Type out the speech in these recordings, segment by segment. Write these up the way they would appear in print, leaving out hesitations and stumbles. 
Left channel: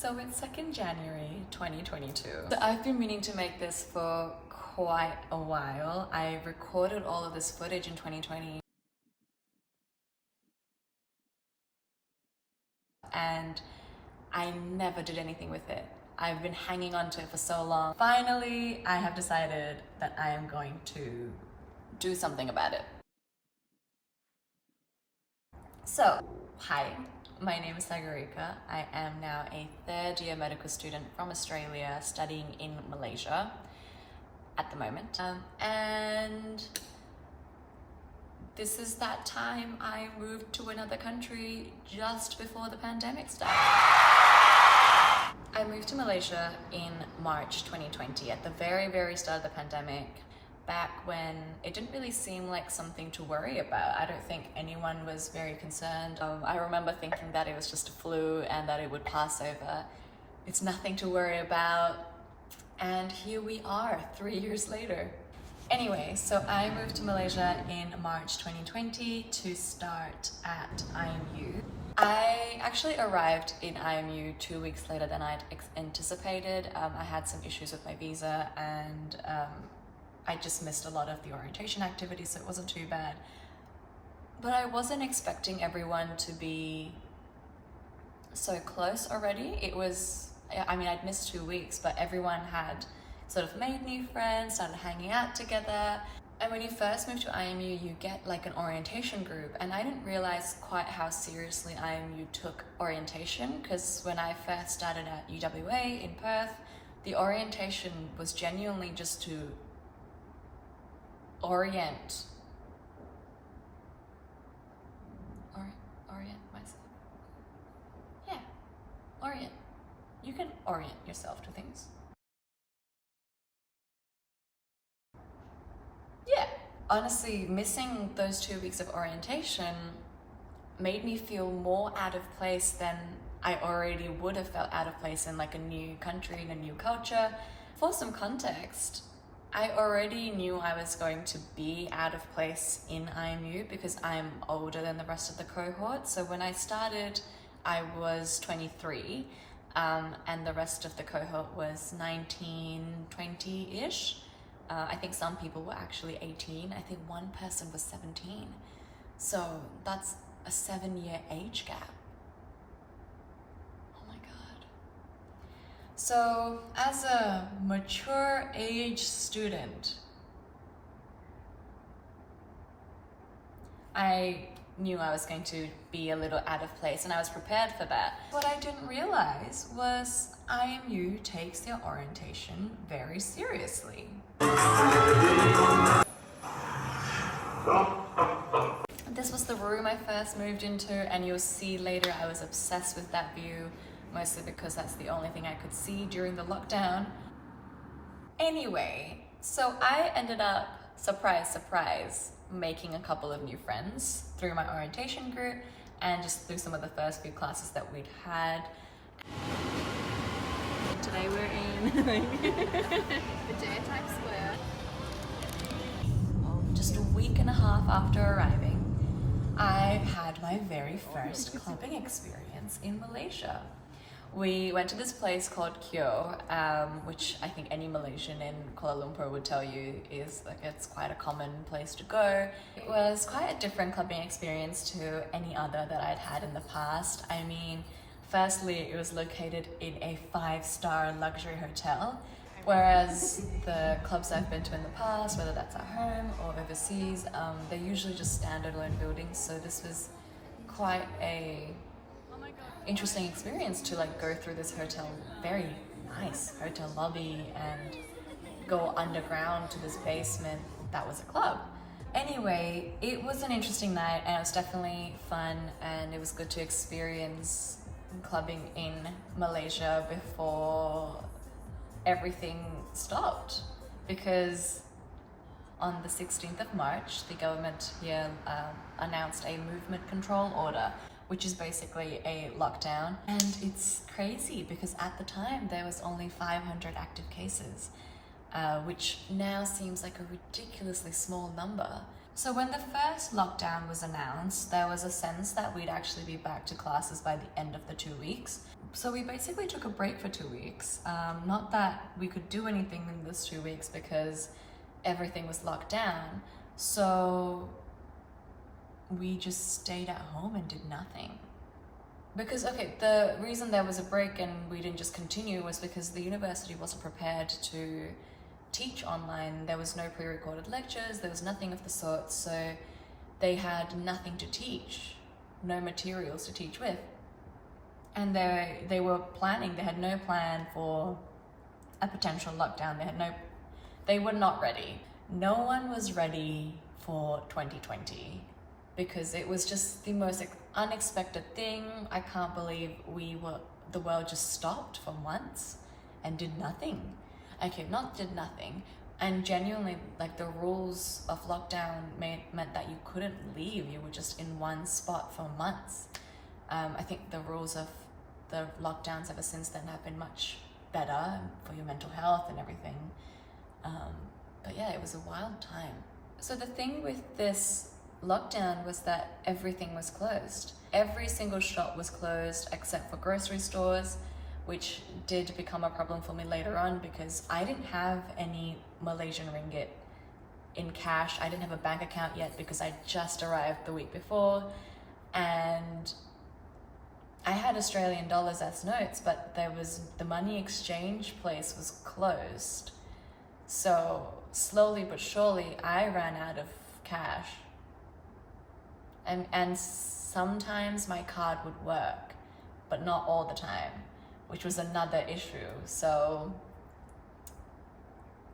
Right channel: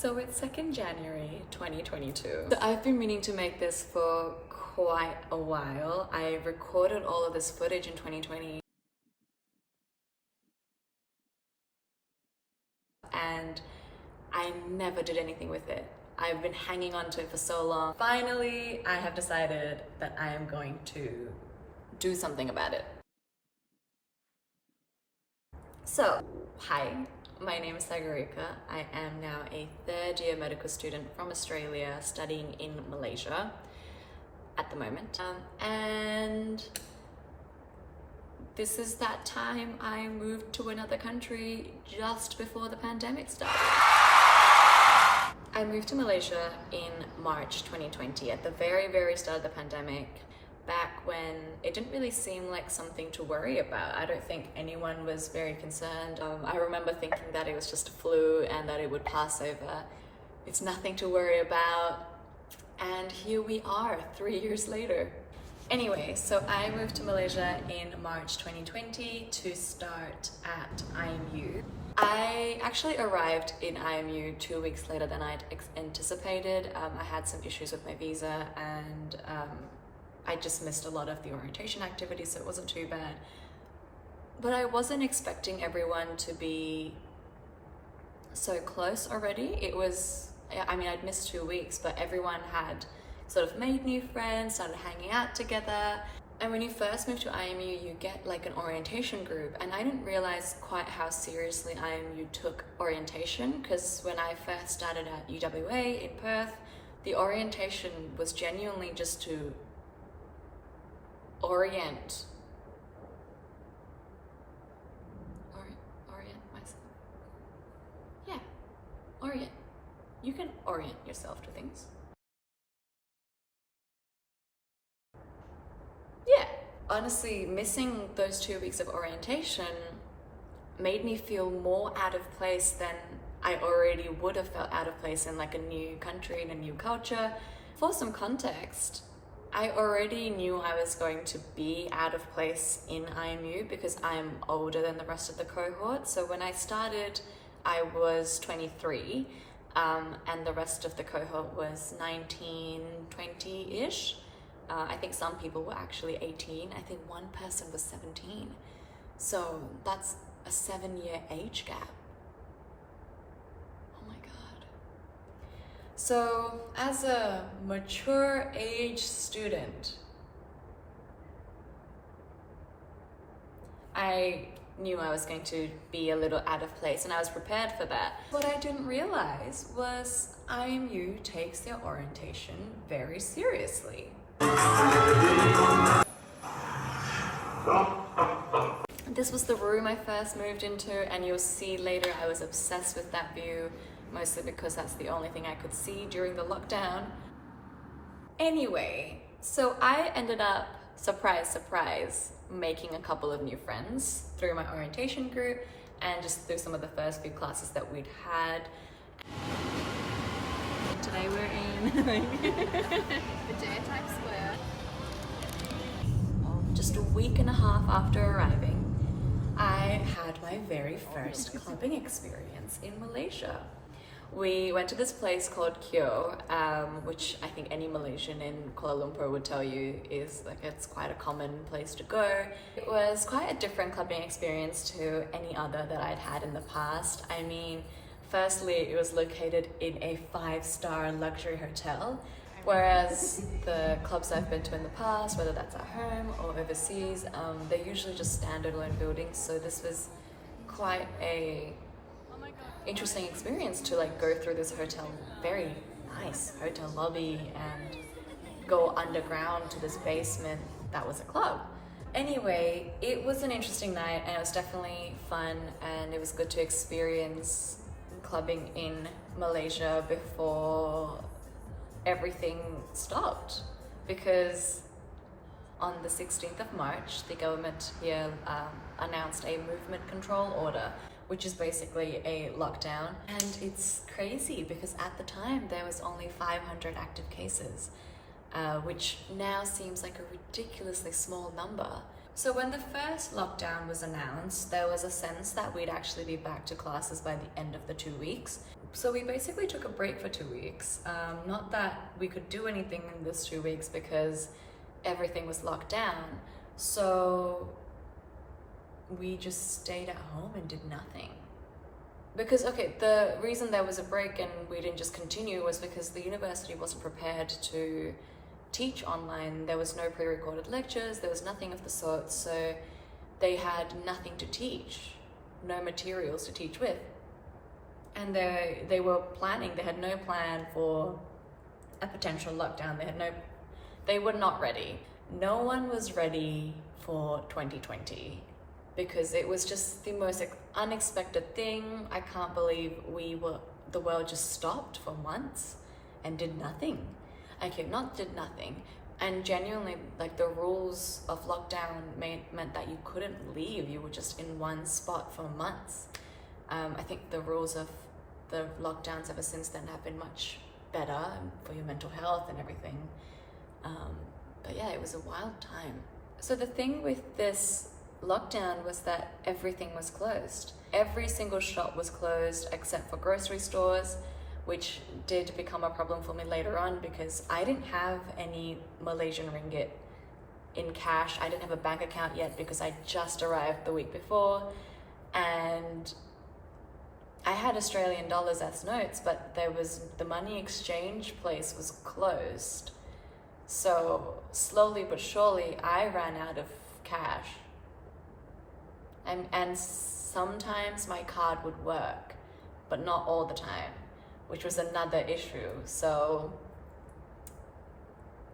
So it's 2nd January 2022. So I've been meaning to make this for quite a while. I recorded all of this footage in 2020 and I never did anything with it. I've been hanging on to it for so long. Finally, I have decided that I am going to do something about it. So, hi, my name is Sagarika. I am now a 3rd year medical student from Australia studying in Malaysia at the moment. And this is that time I moved to another country just before the pandemic started. I moved to Malaysia in March 2020 at the very start of the pandemic, back when it didn't really seem like something to worry about. I don't think anyone was very concerned. I remember thinking that it was just a flu and that it would pass over. It's nothing to worry about. And here we are 3 years later. Anyway, so I moved to Malaysia in March 2020 to start at IMU. I actually arrived in IMU 2 weeks later than I'd anticipated. I had some issues with my visa and I just missed a lot of the orientation activities, so it wasn't too bad. But I wasn't expecting everyone to be so close already. I'd missed 2 weeks, but everyone had sort of made new friends, started hanging out together. And when you first move to IMU, you get like an orientation group. And I didn't realize quite how seriously IMU took orientation, because when I first started at UWA in Perth, the orientation was genuinely just to orient myself. Yeah, orient. You can orient yourself to things. Yeah, honestly, missing those 2 weeks of orientation made me feel more out of place than I already would have felt out of place in like a new country and a new culture. For some context, I already knew I was going to be out of place in IMU because I'm older than the rest of the cohort. So when I started, I was 23, and the rest of the cohort was 19, 20-ish. I think some people were actually 18. I think one person was 17. So that's a 7-year age gap. Oh my God. So as a mature age student, I knew I was going to be a little out of place and I was prepared for that. What I didn't realize was IMU takes their orientation very seriously. This was the room I first moved into, and you'll see later I was obsessed with that view, mostly because that's the only thing I could see during the lockdown. Anyway, so I ended up, surprise, making a couple of new friends through my orientation group and just through some of the first few classes that we'd had. Today we're in the Times Square. Just a week and a half after arriving, I had my very first clubbing experience in Malaysia. We went to this place called Kyo, which I think any Malaysian in Kuala Lumpur would tell you is like, it's quite a common place to go. It was quite a different clubbing experience to any other that I'd had in the past. I mean, firstly, it was located in a 5-star luxury hotel, whereas the clubs I've been to in the past, whether that's at home or overseas, they're usually just standalone buildings. So this was quite a interesting experience to like go through this hotel, very nice hotel lobby, and go underground to this basement that was a club. Anyway, it was an interesting night and it was definitely fun, and it was good to experience clubbing in Malaysia before everything stopped, because on the 16th of March, the government here announced a movement control order, which is basically a lockdown. And it's crazy because at the time there was only 500 active cases, which now seems like a ridiculously small number. So when the first lockdown was announced, there was a sense that we'd actually be back to classes by the end of the 2 weeks. So we basically took a break for 2 weeks. Not that we could do anything in this 2 weeks because everything was locked down. So we just stayed at home and did nothing. Because, okay, the reason there was a break and we didn't just continue was because the university wasn't prepared to teach online. There was no pre-recorded lectures, there was nothing of the sort, so they had nothing to teach, no materials to teach with. And they were planning, they had no plan for a potential lockdown. They were not ready. No one was ready for 2020 because it was just the most unexpected thing. I can't believe the world just stopped for months and did nothing. Okay, not did nothing. And genuinely, like, the rules of lockdown meant that you couldn't leave. You were just in one spot for months. I think the rules of the lockdowns ever since then have been much better for your mental health and everything. But yeah, it was a wild time. So the thing with this lockdown was that everything was closed. Every single shop was closed except for grocery stores, which did become a problem for me later on because I didn't have any Malaysian ringgit in cash. I didn't have a bank account yet because I just arrived the week before, and I had Australian dollars as notes, but the money exchange place was closed. So slowly but surely I ran out of cash. And sometimes my card would work, but not all the time, which was another issue. So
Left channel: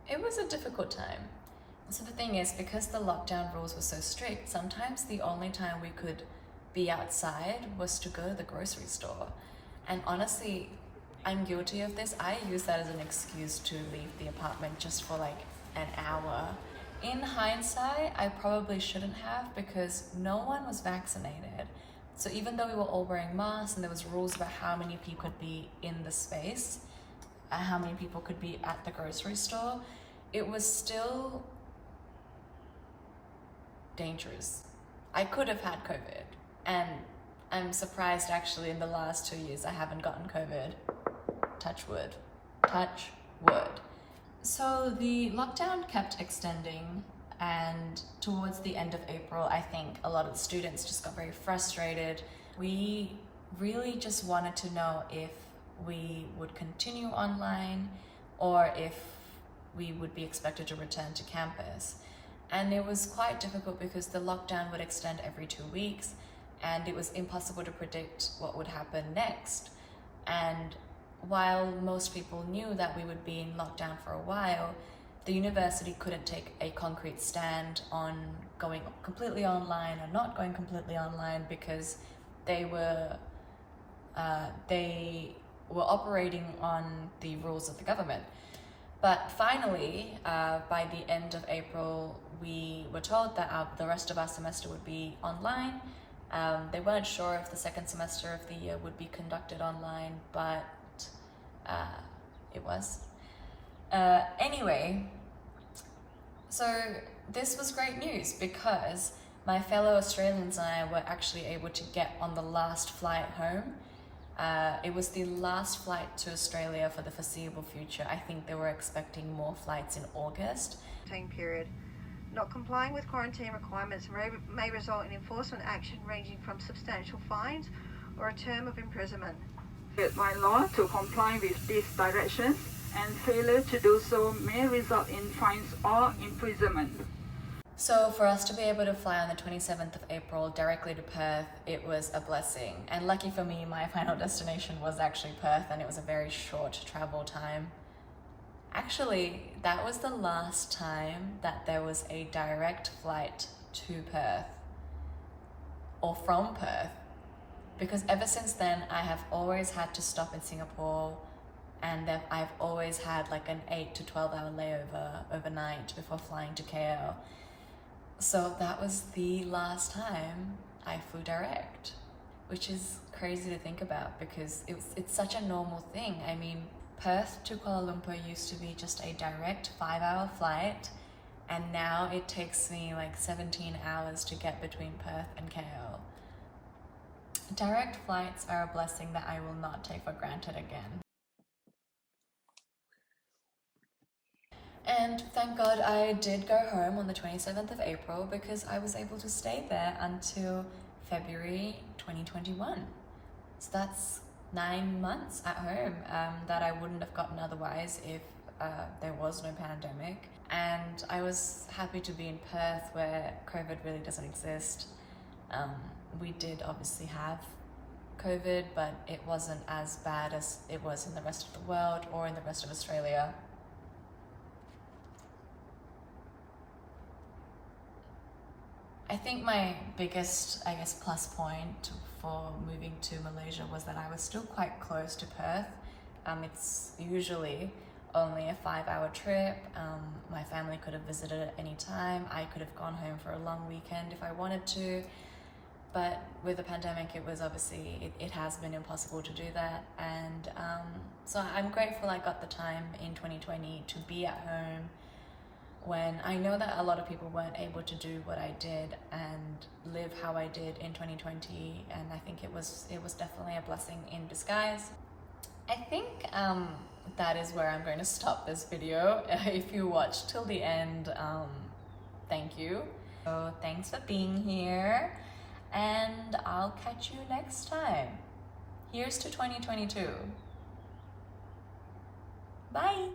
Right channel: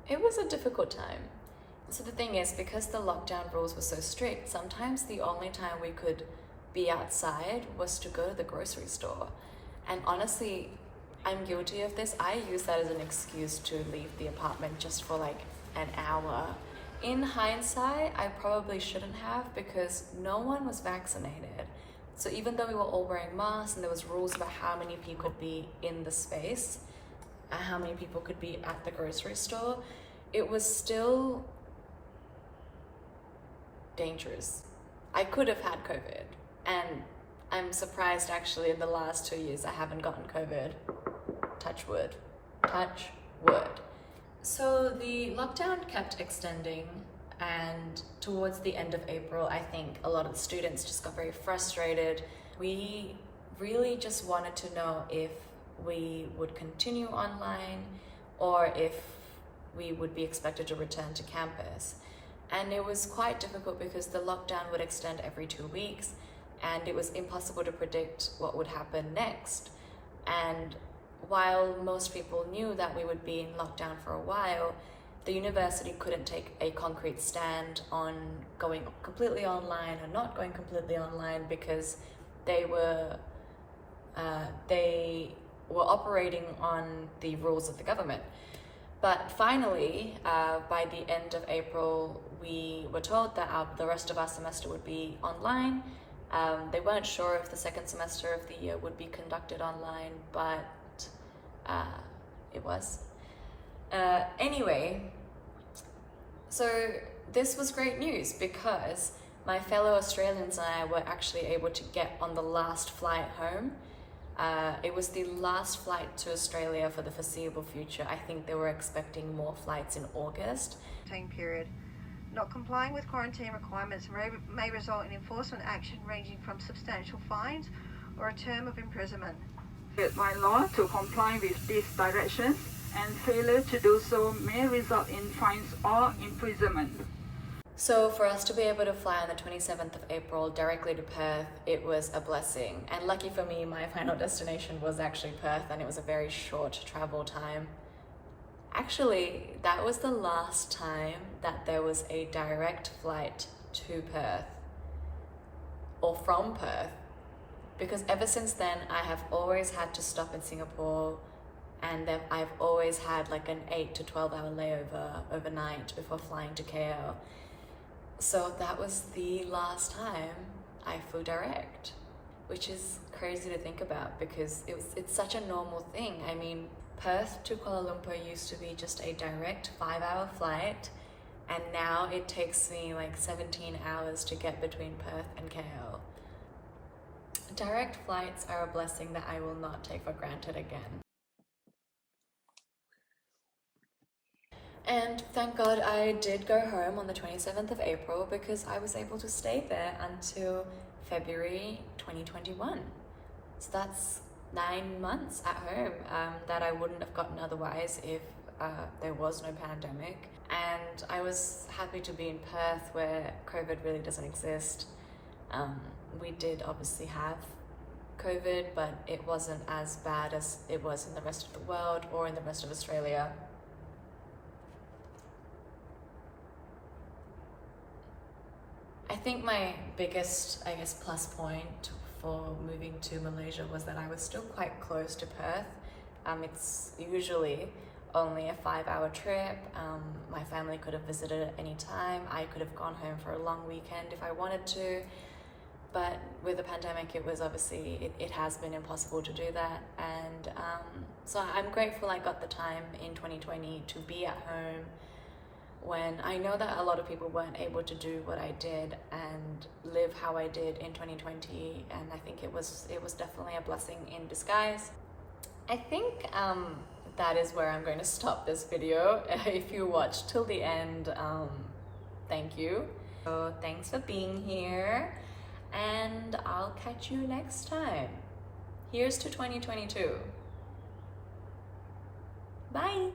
it was a difficult time. So the thing is, because the lockdown rules were so strict, sometimes the only time we could be outside was to go to the grocery store. And honestly, I'm guilty of this. I use that as an excuse to leave the apartment just for like an hour. In hindsight, I probably shouldn't have because no one was vaccinated. So even though we were all wearing masks and there was rules about how many people could be in the space, how many people could be at the grocery store, it was still dangerous. I could have had COVID, and I'm surprised actually in the last 2 years I haven't gotten COVID. Touch wood. Touch wood. So the lockdown kept extending, and towards the end of April, I think a lot of the students just got very frustrated. We really just wanted to know if we would continue online or if we would be expected to return to campus. And it was quite difficult because the lockdown would extend every 2 weeks and it was impossible to predict what would happen next. And while most people knew that we would be in lockdown for a while, the university couldn't take a concrete stand on going completely online or not going completely online because they were operating on the rules of the government. But finally, by the end of April, we were told that the rest of our semester would be online. They weren't sure if the second semester of the year would be conducted online, but it was. Anyway, so this was great news because my fellow Australians and I were actually able to get on the last flight home. It was the last flight to Australia for the foreseeable future. I think they were expecting more flights in August. Period. Not complying with quarantine requirements may result in enforcement action ranging from substantial fines or a term of imprisonment. By law to comply with these directions, and failure to do so may result in fines or imprisonment. So for us to be able to fly on the 27th of April directly to Perth, it was a blessing. And lucky for me, my final destination was actually Perth, and it was a very short travel time. Actually, that was the last time that there was a direct flight to Perth or from Perth, because ever since then I have always had to stop in Singapore, and then I've always had like an 8 to 12 hour layover overnight before flying to KL. So that was the last time I flew direct, which is crazy to think about because it's such a normal thing. I mean, Perth to Kuala Lumpur used to be just a direct 5-hour flight, and now it takes me like 17 hours to get between Perth and KL. Direct flights are a blessing that I will not take for granted again. And thank God I did go home on the 27th of April because I was able to stay there until February 2021. So that's 9 months at home that I wouldn't have gotten otherwise if there was no pandemic. And I was happy to be in Perth where COVID really doesn't exist. We did obviously have COVID, but it wasn't as bad as it was in the rest of the world or in the rest of Australia. I think my biggest, plus point for moving to Malaysia was that I was still quite close to Perth. It's usually only a 5-hour trip. My family could have visited at any time. I could have gone home for a long weekend if I wanted to. But with the pandemic, it was obviously, it has been impossible to do that. And so I'm grateful I got the time in 2020 to be at home, when I know that a lot of people weren't able to do what I did and live how I did in 2020, and I think it was definitely a blessing in disguise. I think that is where I'm going to stop this video. If you watched till the end, thank you. So thanks for being here, and I'll catch you next time. Here's to 2022. Bye.